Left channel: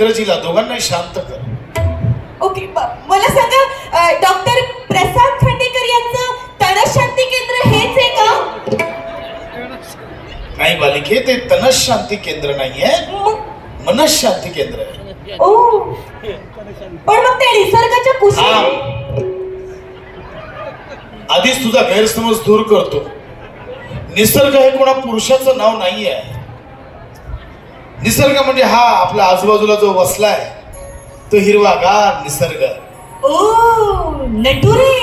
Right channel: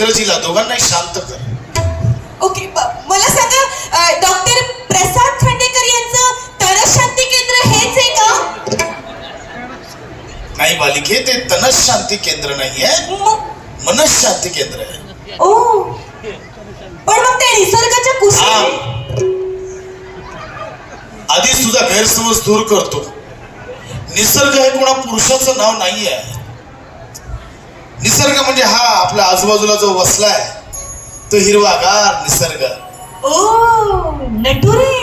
इंग्रजीला दोघांनाही शांत कर. ओके मला सांगा डॉक्टर प्रसाद खांडेकर यांचं तनस शांती केंद्र हेच आहे का? नाही बालिके ते तनस शांती केंद्र नाहीये. म- मनस शांती केंद्र आहे. ओ पण मग ते निसर्गाच्या. कुशीत आधीच तुझा गैरसमज दूर करतो. निसर्ग हे कोणा पुरुषाचं नाव नाहीये. निसर्ग म्हणजे हा आपल्या आजूबाजूला जो वसलाय तो हिरवागार निसर्ग. ओ नटुरे.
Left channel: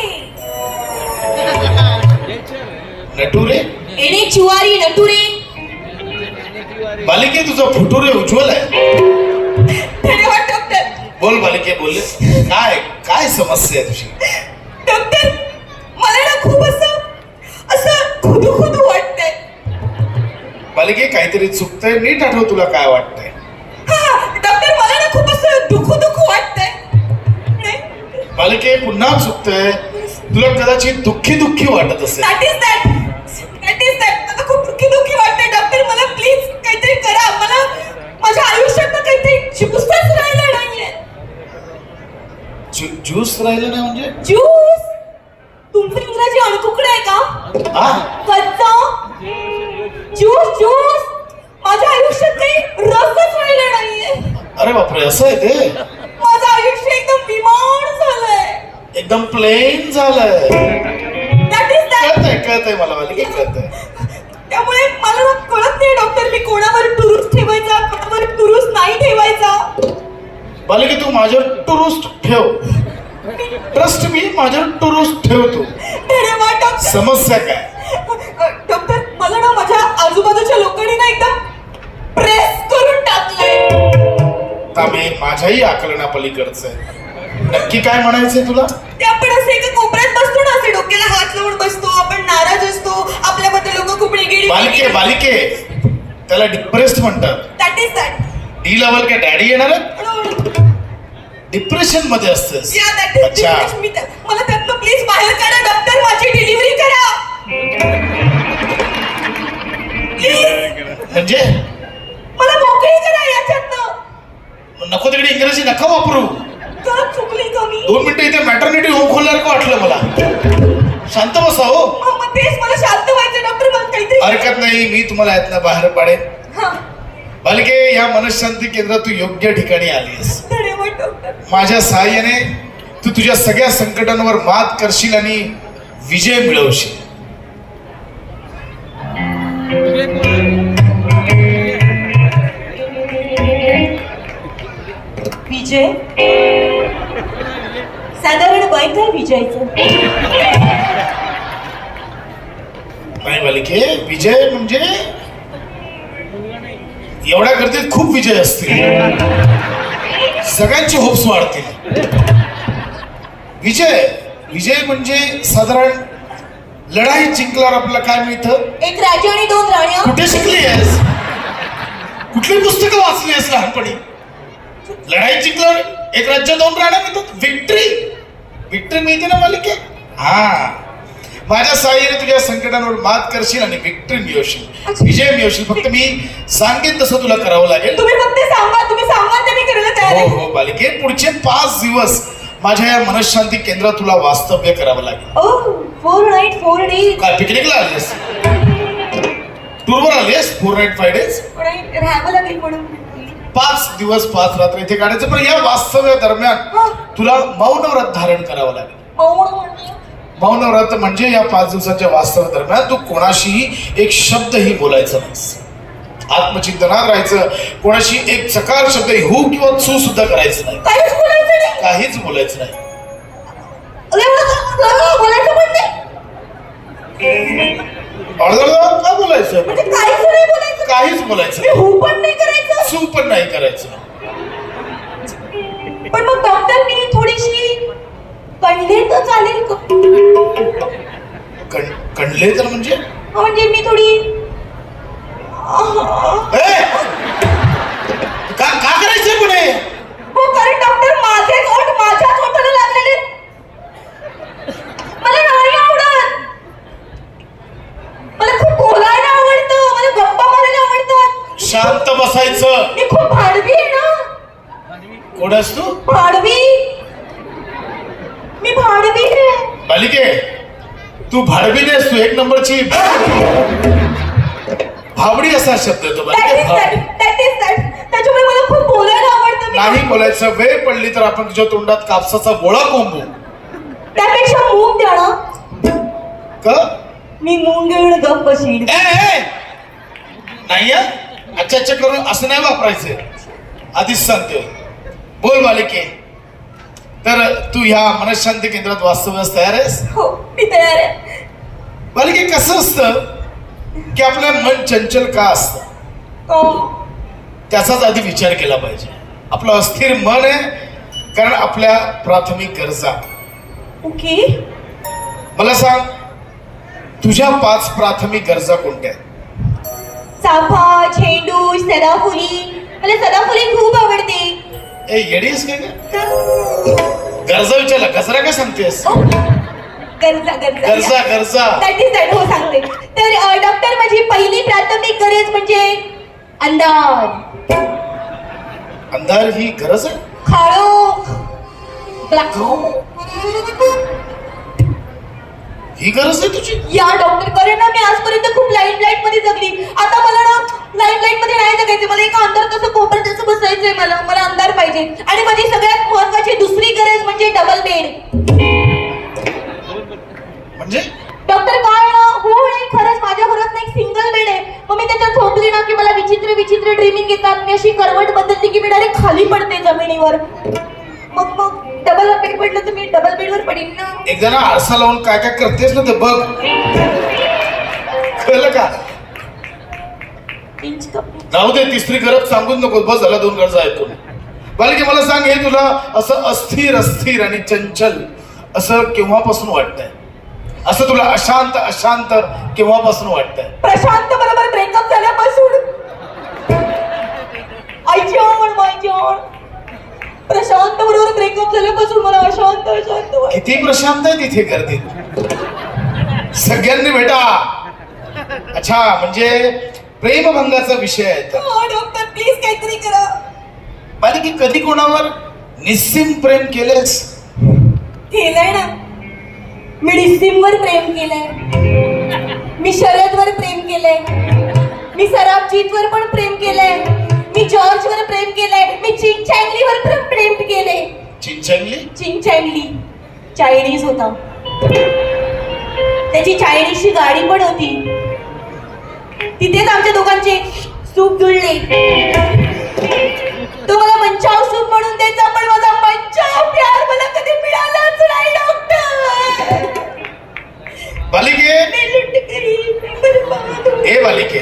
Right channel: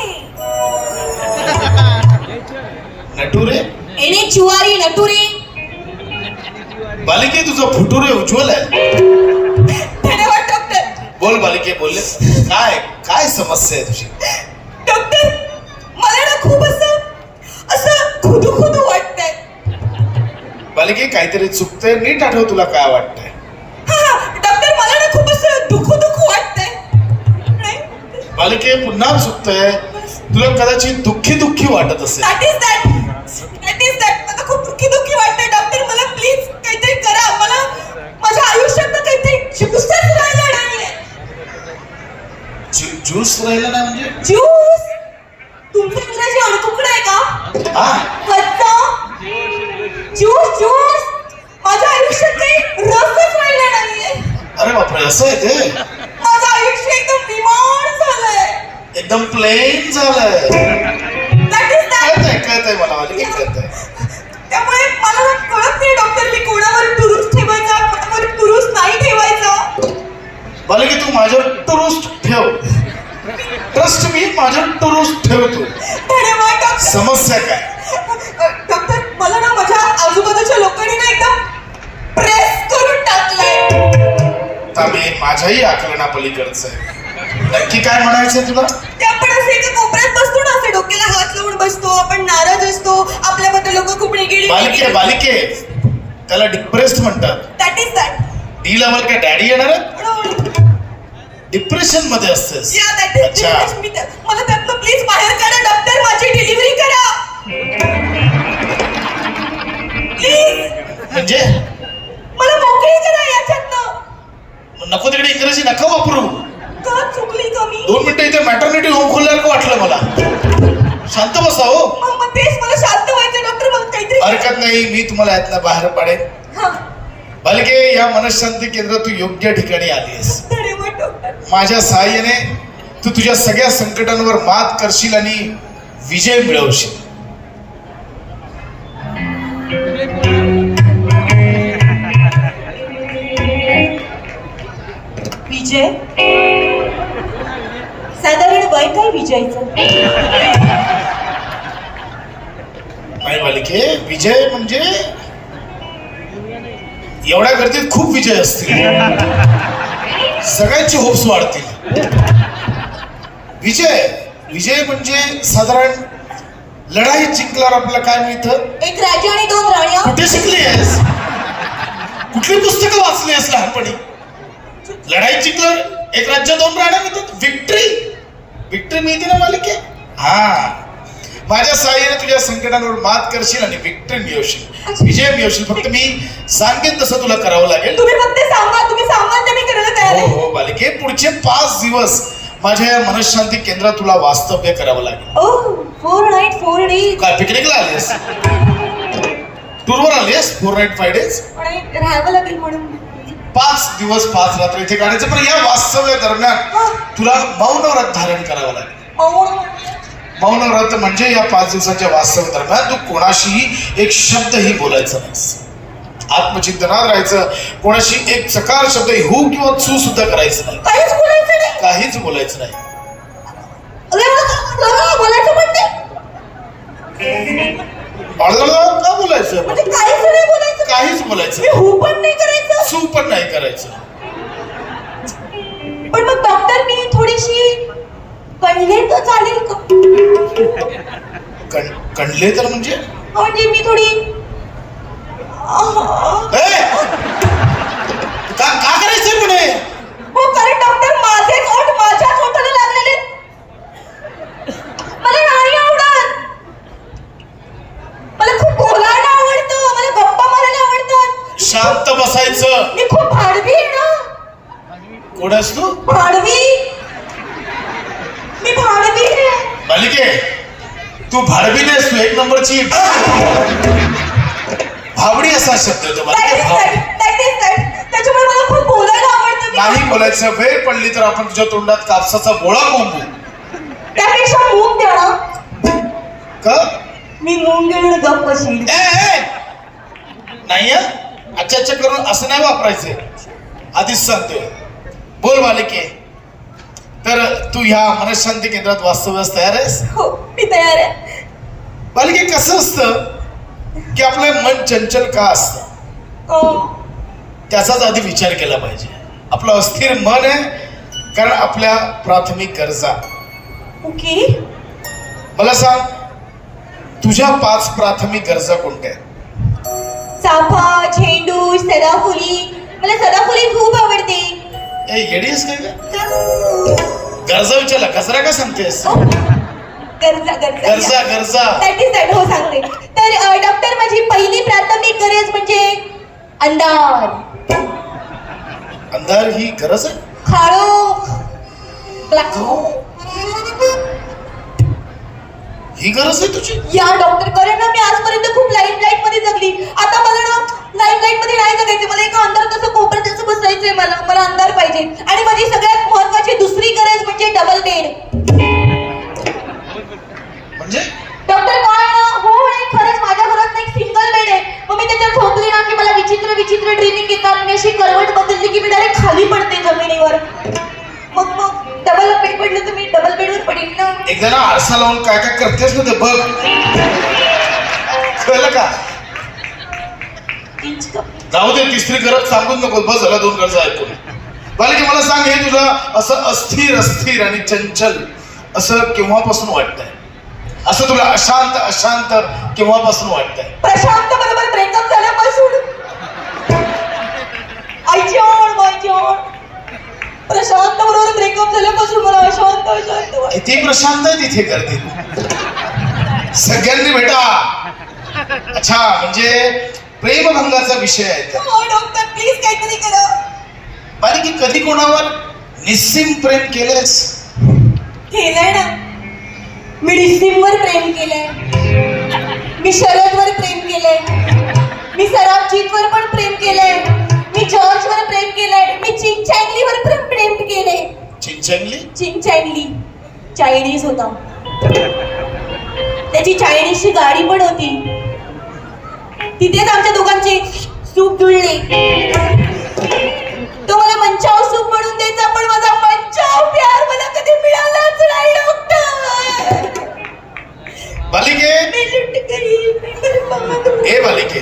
नटुरे? एने चुवारी नटुरे. बालिके तुझं फुटुरे उज्ज्वल आहे. बोल बालिके बोलले. काय काय समस्या आहे तुझी? काहीतरी चुकतंय नीट आठव तुला काय वाटतंय. डॉक्टर मला ना खूप असं दुखू दुखू वाटतंय. नाही? बालिके पुन्हा चुकतंय. तुला कदाचित दुःखी दुःखी वाटत असेल. That is that that is that मला खूप दुःखी दुःखी वाटतंय डॉक्टर मला प्लीज काहीतरी करा. मला माझ्या आयुष्यात ना काहीतरी ज्यूसच राहिला नाहीये ज्यू- ज्यूस राहिलं ना म्हणजे? ज्यूस तुमचं इंग्रजी अणकुकडं आहे का? कच्चा? ज्यूस ज्यूस माझ्या आयुष्यात काही रसच राहिला नाहीये अरे बापरे असं आहे ते माझं आयुष्य एकदम बिमार झालंय. एकदम प्लेन झालंय. कळतंय कळतंय मला कळतंय. त्यामुळे मला कळत नाही डॉक्टर मी कोणावर टुरूस ठेवायचा कोणावर टुरूस नाही ठेवायचा. बालिके तू माझ्यावर टुरुस्ट ठेव. ट्रस्ट मी माझ्यावर टुरुस्ट ठेवतो. समस्या काय? डॉक्टर मला ना माझ्या आजूबाजूच्या लोकांनी तामे माझ्याही आकलना पलीकडचं आहे. नक्की काय म्हणायचंय तुला? ते आपण असे एका कोपऱ्यात बसतो ना असे डोक्याला हात लावून बसतो आपण नाराज असतो आपल्याबद्दल लोक खूप निगेटिव्ह बालिके बालिके. त्याला डिप्रेस्ड म्हणतात. That is that D level काय डॅडी येणार डिप्रेशनमध्ये असतेस. या दॅट इज अच्छा. मी त्या- मला त्यातनं प्लीज बाहेर काढा डॉक्टर माझी डिलिव्हरी करा. प्लीज म्हणजे मला मोकळी करा याच्यातनं नको तिकडे इंग्रजी नका वापरू. का का दोन मिनिटं इथे मॅटर्निटी होम खोलल्यासारखं वाटलं मला. शांत बसा हो. हरकत नाही मी तुम्हाला यातनं बाहेर पाडेन. बालिके या मनशांती केंद्रात तू योग्य ठिकाणी आलीस माझ्या सहाय्याने तू तुझ्या सगळ्या संकटांवर मात करशील आणि विजय मिळवशील. बालिके विजय म्हणजे? एवढ्या गर्दीत खूप विजय असतील. सगळ्यांचे होप्स वाढतील. विजय विजय म्हणजे साधारण लढाई जिंकल्यावर आपल्याला काय मिळतं एक राजा आणि दोन राण्या कुठे शिकली आहेस? कुठली पुस्तकं वाचली आहेस लहानपणी? लढाई जिंकल्यावर एक राज्य दोन राण्या मिळतात. विक्ट्री विक्ट्री मिळते ना मालिके हा माझ्या सहाय्याने तुझ्या संकटांवर मात करशील आणि विक्ट्री मिळवशील विजय मिळवशील फक्त मी सांगेन तसं तुला करावं लागेल तुम्ही फक्त सांगा तुम्ही सांगा ते मी करायला तयार हो आहे हो बालिके पुढचे पाच दिवस माझ्या या मनशांती केंद्रात तुला वास्तव्य करावं लागेल ओ फोर नाईट फोर डे काय पिकनिकला आलीस टूरवर आलीस फोर नाईट फाय डेज राहावं लागेल म्हणून पाच दिवस पाच रात्र इथे काढायचं पण या वास्तव्य दरम्यान तुला मौन व्रत धारण करावं लागेल. मौन म्हणजे? व्रत म्हणजे या पाच दिवसाच्या वास्तव्य दरम्यान तू कोणाशीही एक शब्दही बोलायचा नाही आत्मचिंतनात राहायचं. कोणाशी एक चकार शब्द हू किंवा चू सुद्धा करायचं नाही. काहीच बोलायचं नाही. का- बोलायचं. काहीच बोलायचं मी हू पण नाही करायचं. चू पण नाही करायचं. पण मग डॉक्टर मी थोडीशी कणले तर चालेल कणले तर म्हणजे? म्हणजे मी थोडी! का का करायचं पुढे? शांत बसायचं. मी खूप भाडवी ना. कोण तू? भाडवी. मी भाडवी आहे. बालिके तू भाडवी नाहीस तू एक नंबरची. भावडी असा शब्द तो त्याच्यामुळे मला खूप बोलायला नाही बोलायचं वेळ पडली तर आपण तुझ्या तोंडात कापसाचा गोळा कोंबू. त्यापेक्षा द्या ना. मी मूग घेऊन गप्प नाही अच्छा अच्छा करून असं नाही वापरायचं. आधीच सांगतोय. बोल बालिके तर तू ह्या मनशांती केंद्रात वास्तवास तयार आहेस? हो मी तयार आहे. बालिके कसं असतं की आपलं मन चंचल का असतं? अं, त्याचाच आधी विचार केला पाहिजे. आपलं अस्थिर मन आहे कारण आपल्या प्राथमिक गरजा. ओके. मला सांग तुझ्या पाच प्राथमिक गरजा कोणत्या आहेत? चाफा झेंडू सदाफुली. मला सदाफुली खूप आवडते. ए येडीस काय? गरजा विचारला गजरा का सांगतेस? गरजा गरजा. गरजा गरजा. दॅट इज दॅट हो सांगते. तर डॉक्टर माझी पहिली प्राथमिक गरज म्हणजे अंधार. अंधार ही गरज आहे? खाडो ब्लॅक ही गरज आहे तुझी. या डॉक्टर कारण ना मी आजपर्यंत खूप लाइट लाइटमध्ये जगली. आता मला ना लाइट लाइटमध्ये नाही जगायचे. मला एका अंधारात असं कोपऱ्यात असं बसायचंय मला. मला अंधार पाहिजे. आणि माझी सगळ्यात महत्वाची दुसरी गरज म्हणजे डबल बेड म्हणजे? डॉक्टर काय हो आणि खरंच माझ्या घरात ना एक सिंगल बेड आहे. मग मी त्याच्यात झोपली ना की मला विचित्र विचित्र ड्रीमिंग येतात. मी अशी करवट बदलली की मी डायरेक्ट खाली पडते जमिनीवर. मग मग डबल बेड तर मी डबल बेडवर पडेन ना. एकदा ना आरसा लावून काय काय करतेस ना ते बघ. कळलं का? इंच कमी. जाऊ दे तिसरी गरज सांगूच नको. बस झाला दोन गरजा ऐकून. बालिके मला सांग हे तुला असं अस्थिर अस्थिर आणि चंचल असं केव्हापासून वाटतंय? असं तुला अशांत अशांत केव्हापासून वाटतंय? प्रशांत बरोबर ब्रेकअप झाल्यापासून. आयजॉन मायजॉन प्रशांत बरोबर ब्रेकअप झाल्यापासून मला अशांत अशांत. किती प्रशांत आहे तिथे गर्दी. सगळ्यांनी भेटा. अच्छा म्हणजे प्रेमभंगाचा विषय आहे तर हो डॉक्टर प्लीज काहीतरी करा. बालिके कधी कोणावर निस्सीम प्रेम केलेस केलंय ना. मी डिसिमवर प्रेम केलंय. मी शरदवर प्रेम केलंय. मी सराबजीतवर पण प्रेम केलंय. मी जॉर्जवर प्रेम केलंय मी चिंग चॅंगलीवर पण प्रेम केलंय. चिंचंगली चिंग चॅंगली चायनीज होता. त्याची चायनीजची गाडी पण होती. तिथेच आमच्या दोघांचे सूप जुळले. तो मला मंचाव सूप म्हणून द्यायचा पण माझा मंचाव प्यार मला कधी मिळालाच नाही डॉक्टर बालिके मी हे बालिके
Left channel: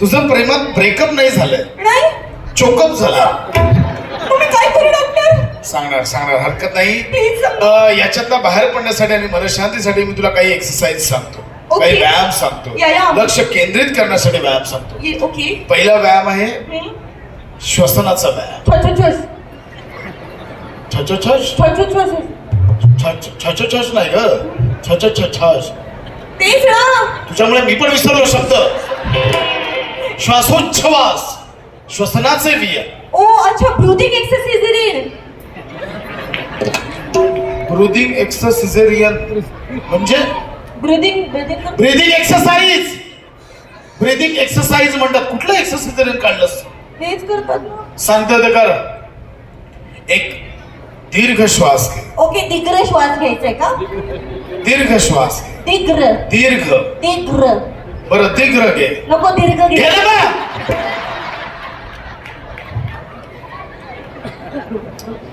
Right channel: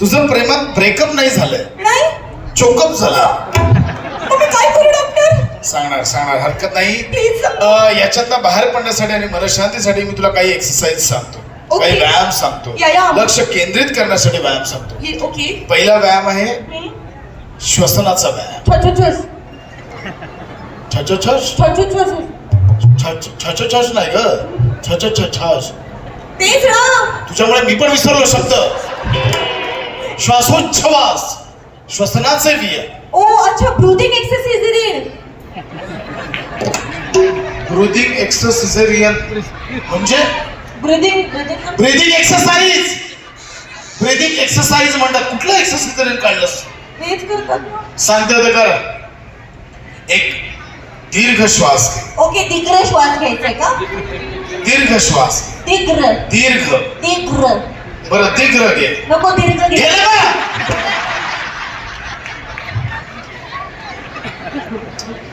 तुझं प्रेमात ब्रेकअप नाही झालंय. नाही? चोकअप झाला. तुम्ही काय करू डॉक्टर सांगणार सांगणार. हरकत नाही. अं, याच्यातला बाहेर पडण्यासाठी आणि मनशांतीसाठी मी तुला काही एक्सरसाइज सांगतो. Okay. काही व्यायाम सांगतो. लक्ष केंद्रित करण्यासाठी व्यायाम सांगतो. ओके पहिला व्यायाम आहे श्वसनाचा व्यायाम. छछ छछ छछ छछ नाही ग. तेच ना. तुझ्यामुळे मी पण विसरलो शब्द. श्वासोच्छवास श्वसनाचे विय ओ अच्छा ब्रुदिंग एक्सरसाइज ब्रुदिंग एक्सरसिझेरियन म्हणजे breathing breathing breathing exercise breathing exercise म्हणतात कुठलं एक्सरसाइज काढलंस हेच करतात सांगते ते कर एक दीर्घ श्वास घे ओके दिग्र श्वास घ्यायचाय का दीर्घ श्वास घे दिग्र दीर्घ दिग्र बरं दीर्घ घे नको दीर्घ घे गेलं का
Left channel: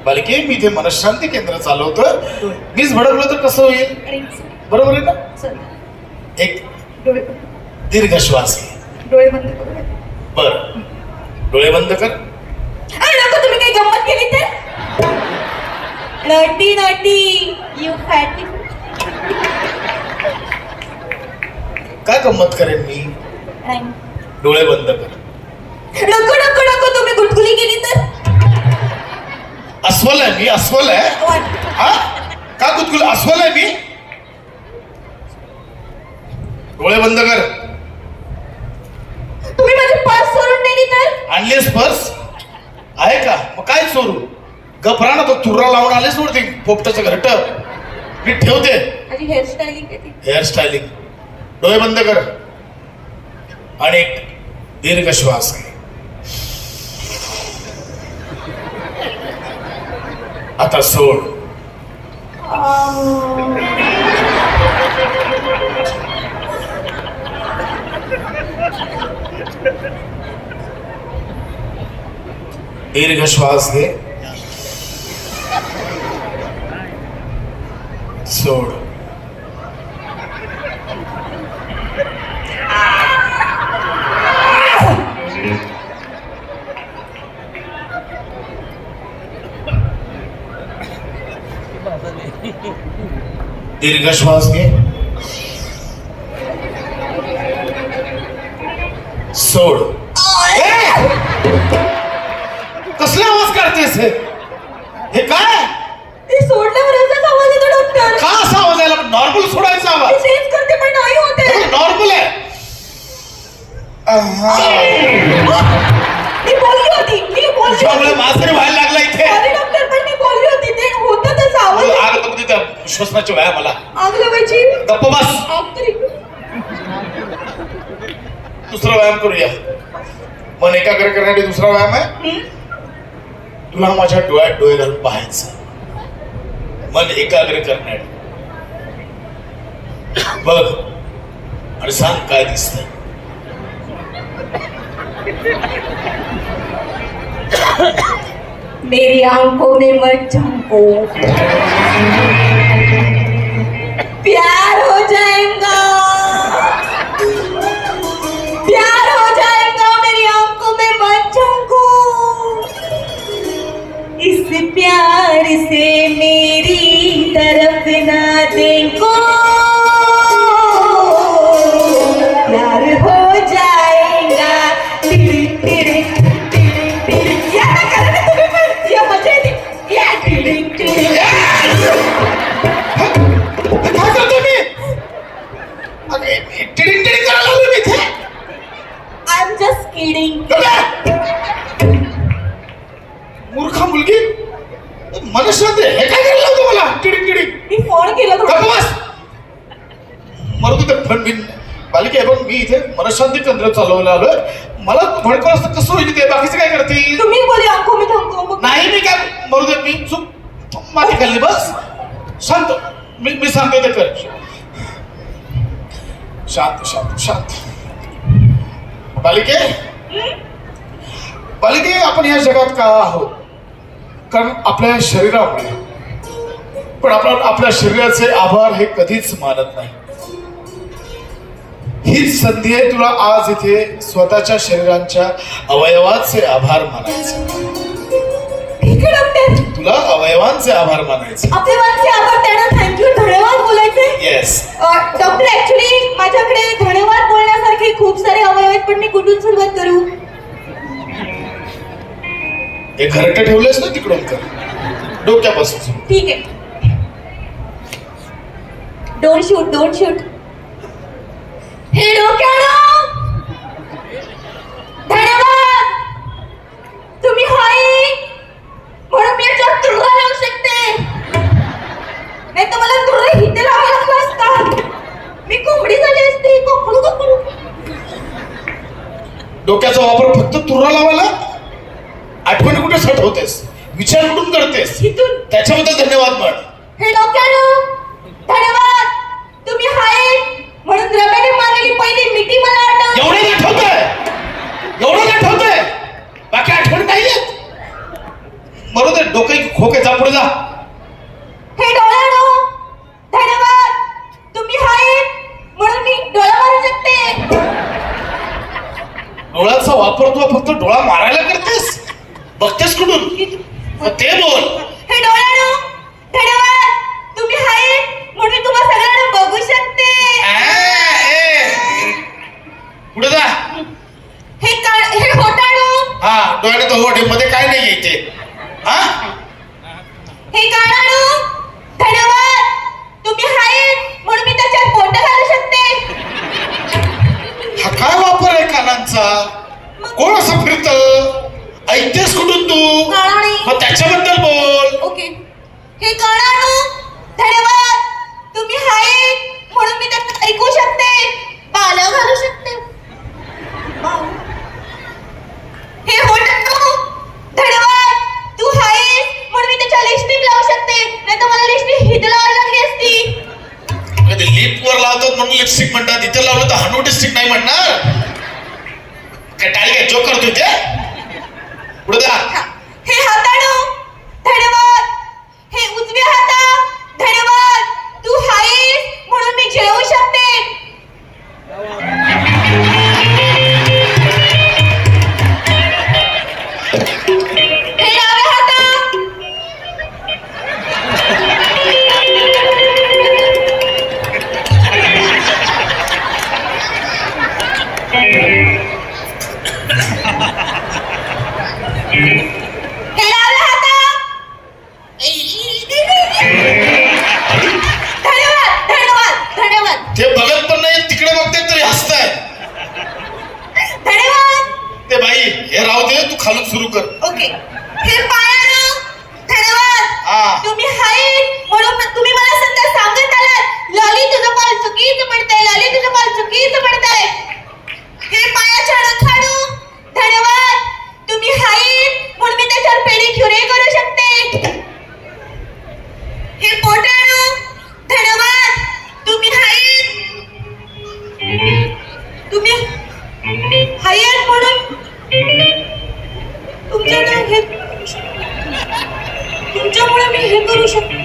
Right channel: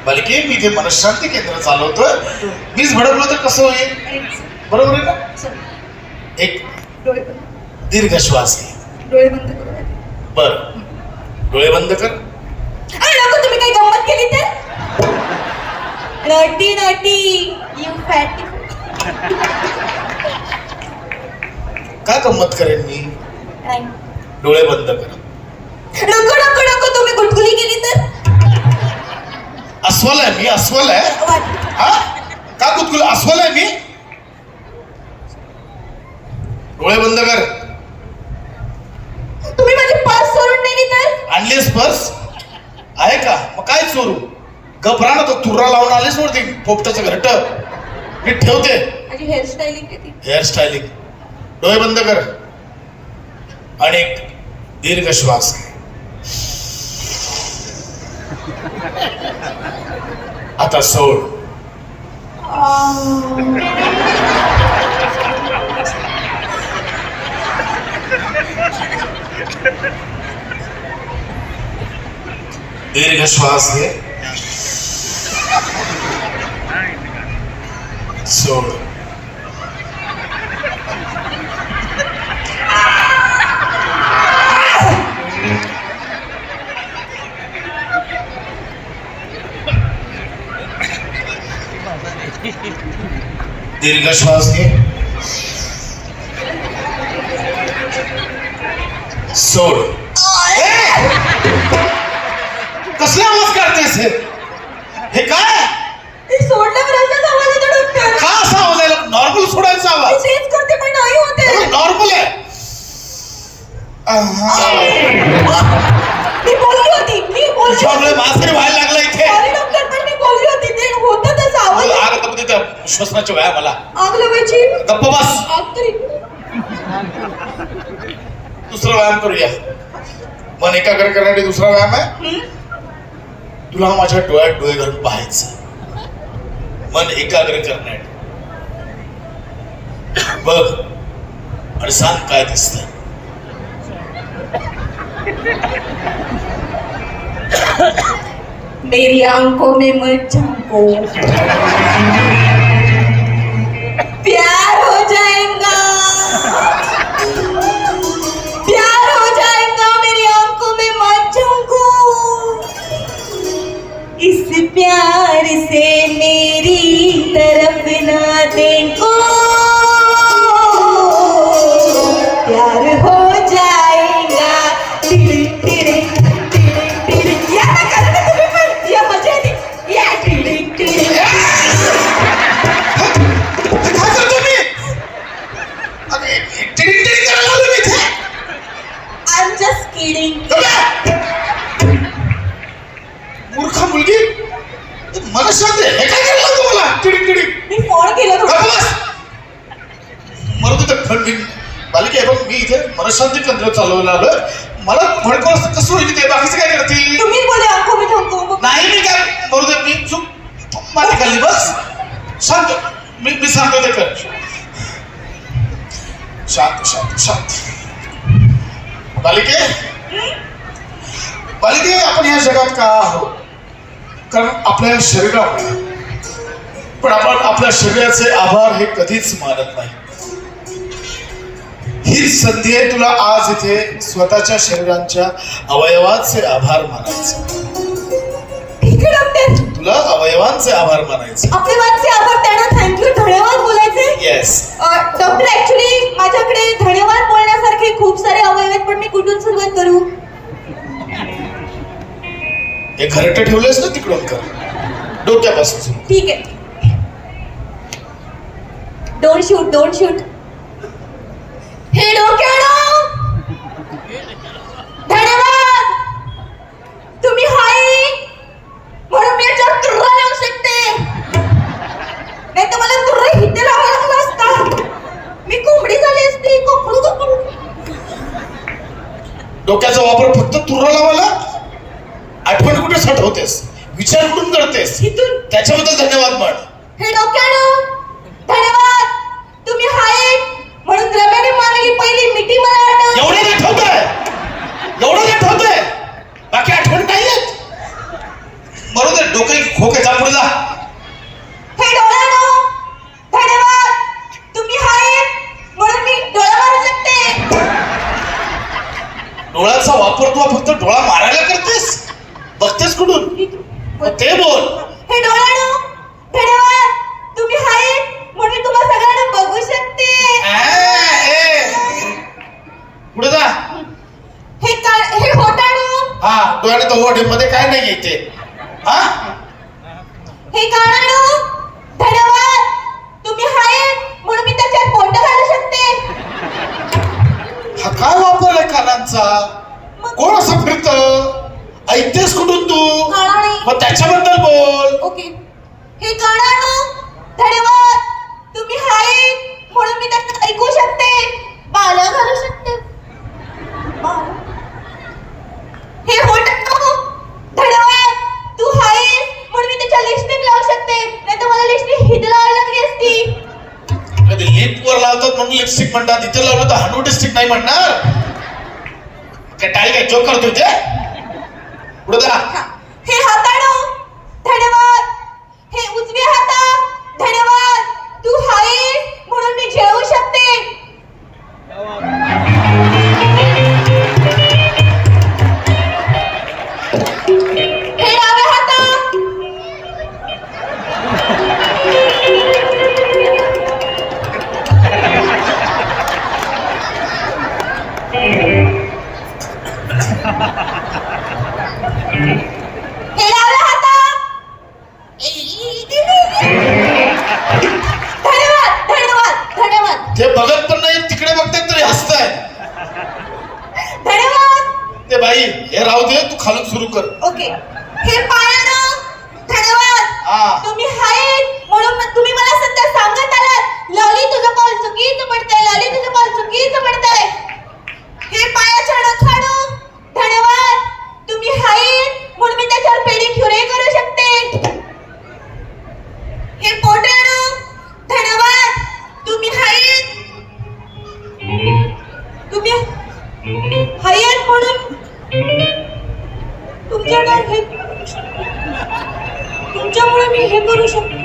बालिके मी इथे मनशांती केंद्र चालवतोय. मीच भडकलो तर कसं होईल? बरोबर आहे ना? एक डोळे दीर्घ श्वास घे. डोळे बंद करू बर. डोळे बंद कर. अरे नको तुम्ही काही गंमत केली तर? नटी नटी यू फॅटी काय गंमत करेन मी? डोळे बंद कर. नको नको नको तुम्ही गुटगुली केली तर. अस्वल आहे मी अस्वल आहे. हा? का कुतकुल अस्वल आहे मी. डोळे बंद कर. तुम्ही माझी पास सोडून नेली तर? आणलीस पर्स आहे का? मग काय चोर चाललेच नव्हते पोपटाचं घरट मी ठेवते. माझी हेअरस्टाईलिंग डोळे बंद कर. आणि दीर्घ श्वास घे. आता सोड. दीर्घ श्वास घे. सोड. दीर्घ श्वास घे सोड! कसला आवाज़ हे काय? का असा नॉर्मल सोडायचा आवाज़। चेंज करते पण नाही होते। नॉर्मल आहे आहा. मी बोलली होती मी बोलली तुझ्यामुळे व्हायला तिथं श्वसनाची व्याया मला आग लावायची गप्प बस. आग तरी दुसरा व्यायाम करूया. मन एकाग्र करण्यासाठी दुसरा व्यायाम आहे? तुला माझ्या डोळ्यात डोळे घालून पाहायचं. मन एकाग्र करण्यासाठी बघ आणि सांग काय दिसत? मेरी आँखों में मत झांको प्यार हो जाएगा। प्यार हो जाएगा, मेरी आँखों में मत झांको इस प्यार से मेरी तरफ़ ना देखो। पण मी बालिके आहे बघ मी इथे मनशांती केंद्र चालवलं आलोय मला भडकं असतं कसं होईल ते बाकीचं काय करतील? तुम्ही बोले में झांको नाही मी काय दे मी चूक माझी खाल्ली बस. शांत मी मी सांगतो ते कर. शांत शांत शांत. बालिके? बालिके आपण या जगात का आहोत? कारण आपल्या शरीरामुळे. पण आपण आपल्या शरीराचे आभार हे कधीच मानत नाही. ही संधी आहे. तुला आज इथे स्वतःच्या शरीरांच्या अवयवाचे आभार मानायचे. ठीक आहे डॉक्टर तुला अवयवांचे आभार मानायचे. वाचचे आभार त्यांना थँक्यू धन्यवाद बोलायचे. येस डॉक्टर ऍक्च्युली माझ्याकडे धन्यवाद बोलण्यासारखे खूप सारे अवयव आहेत पण मी कुठून सुरुवात करू? हे घरट ठेवलेस ना तिकडून कर डोक्यापासून. ठीक आहे. डोंट शूट डोंट शूट हे धन्यवाद. तुम्ही हाय म्हणून मी याच्यावर तुर्रा लावू शकते. नाही तर मला तुर्रा हिथे लावायला लागला असता. मी कोंबडी झाली असती. कोकळू डोक्याचा वापर फक्त तुरा लावायला? आठवण कुठे साठवतेस? विचार कुठून करतेस? त्याच्याबद्दल धन्यवाद म्हण हे डोक्यानो धन्यवाद तुम्ही हाय म्हणून रमेने मारलेली पहिली मिठी मला आठवते एवढं आठवतंय एवढं आठवतंय बाकी आठवण नाही येत बरोबर डोके खोके जा पुढे जा हे डोळ्यानो धन्यवाद तुम्ही हाय म्हणून मी डोळा मारू शकते डोळ्याचा वापर तू फक्त डोळा मारायला करतेस? बघतेस कुठून? ते बोल. हे डोळ्यानो धन्यवाद तुम्ही हाय म्हणून तुम्हा सगळ्यांना बघू शकते. पुढे जा. हे का हे होटाणो हा डोळ्याने तो मध्ये काय नाही येते हा? हे कानानो पानांचा कोण सापडत ऐकतेस कुठून तू? मग त्याच्याबद्दल बोल. ओके. हे कळणार धन्यवाद. तुम्ही हाय म्हणून मी त्यांना ऐकू शकते. बाल घालू शकते. हे होट धन्यवाद. तू हाय म्हणून मी त्याच्या लिस्टिक लावू शकते. नाही तर मला लिस्टिक हिद लावावी लागली असती. लिप वर लावतात म्हणून लिपस्टिक म्हणतात. इथे लावलं तर हनुडिस्टिक नाही म्हणणार. काय टाळी काय चोक करतो ते पुढे हे हाताळू. धन्यवाद. तिकडे बघते तरी हसताय धन्यवाद. ते बाई हे राहू दे तू खालून सुरू कर. ओके. हे पायाला धन्यवाद. तुम्ही हाईट म्हणून तुम्ही मला सध्या सांगत आलात. लॉली तुझं पाल चुकीच पडतंय लॉली तुझं पाऊल चुकीच पडतंय. हे पाया छाडो छाडो धन्यवाद. तुम्ही हाईट म्हणून मी त्याच्यावर पेडी क्युरे करू शकते. हे पोटाणो धन्यवाद. तुम्ही हाईट तुम्ही हायर म्हणून तुमच्या नाव घे तुमच्यामुळे मी हे करू शकतो.